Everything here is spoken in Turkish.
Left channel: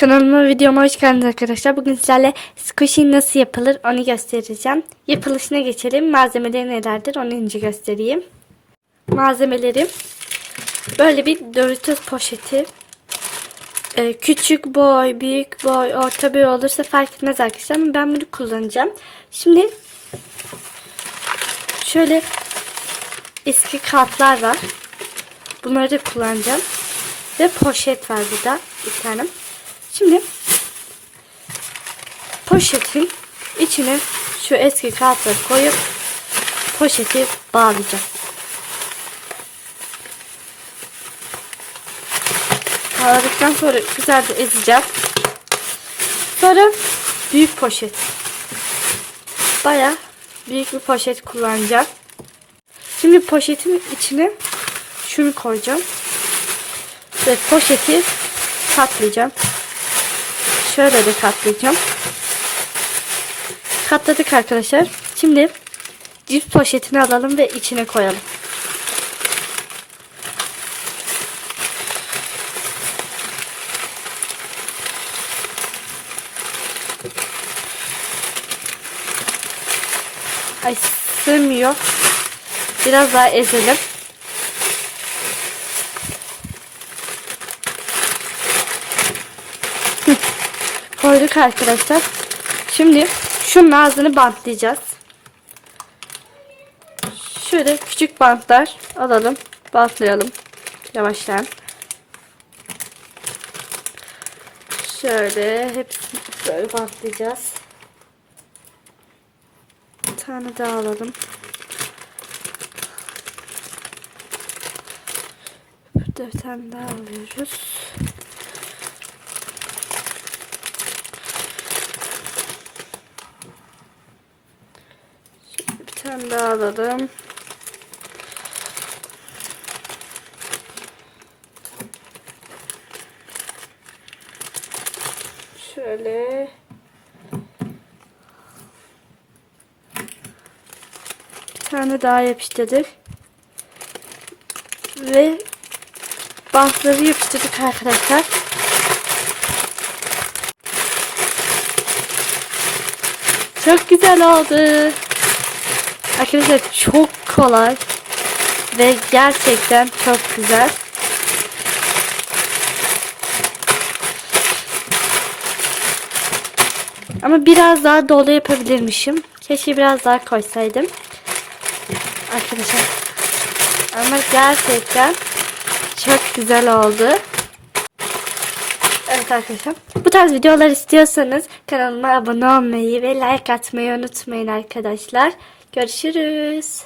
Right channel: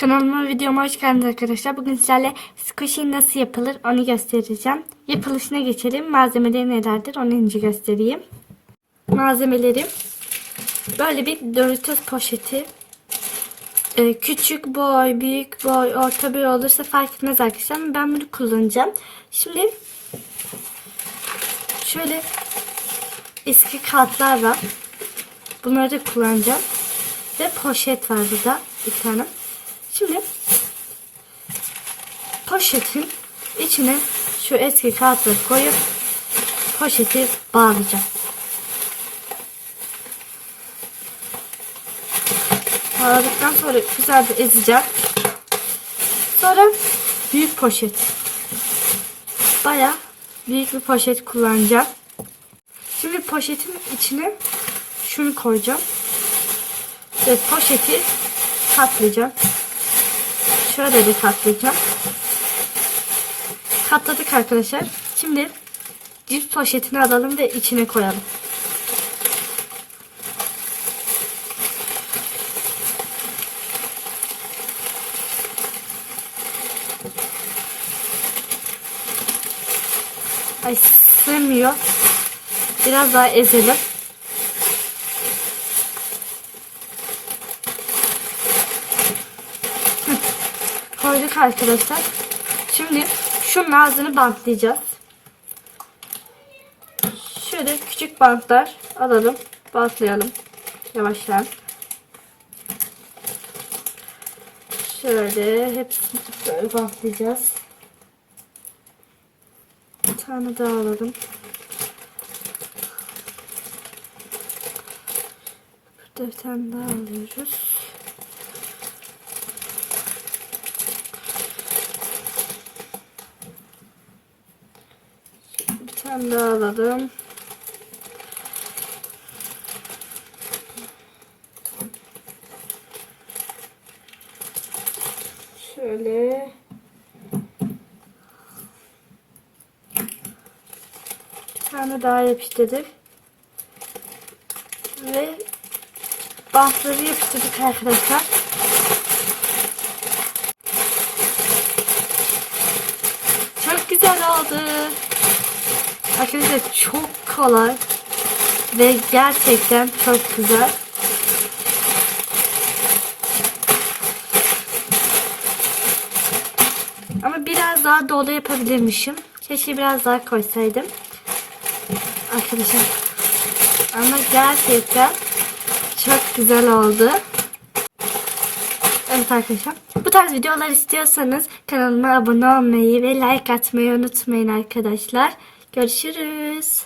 Kanalıma videoma hoş geldiniz arkadaşlar. Bugün sizlerle squishy nasıl yapılır onu göstereceğim. Yapılışına geçelim. Malzemeleri nelerdir onu önce göstereyim. Malzemelerim böyle bir Doritos poşeti. Ee, küçük boy, büyük boy, orta boy olursa fark etmez arkadaşlar. Ben bunu kullanacağım. Şimdi şöyle eski kartlar var. Bunları da kullanacağım. Ve poşet var burada bir tane. Şimdi poşetin içine şu eski kağıtları koyup poşeti bağlayacağım. Bağladıktan sonra güzelce ezeceğim. Sonra büyük poşet. Baya büyük bir poşet kullanacağım. Şimdi poşetin içine şunu koyacağım. Ve poşeti katlayacağım. Şöyle de katlayacağım. Katladık arkadaşlar. Şimdi cips poşetini alalım ve içine koyalım. Ay sığmıyor. Biraz daha ezelim. Koyduk arkadaşlar. Şimdi şunun ağzını bantlayacağız. Şöyle küçük bantlar alalım. Bantlayalım. Yavaştan. Şöyle hepsini böyle bantlayacağız. Bir tane daha alalım. Bir tane daha alıyoruz. Tane daha alalım. Şöyle. Bir tane daha yapıştırdık. Ve bantları yapıştırdık arkadaşlar. Çok güzel oldu. Arkadaşlar çok kolay ve gerçekten çok güzel. Ama biraz daha dolu yapabilirmişim. Keşke biraz daha koysaydım. Arkadaşlar. Ama gerçekten çok güzel oldu. Evet arkadaşlar. Bu tarz videolar istiyorsanız kanalıma abone olmayı ve like atmayı unutmayın arkadaşlar. Görüşürüz.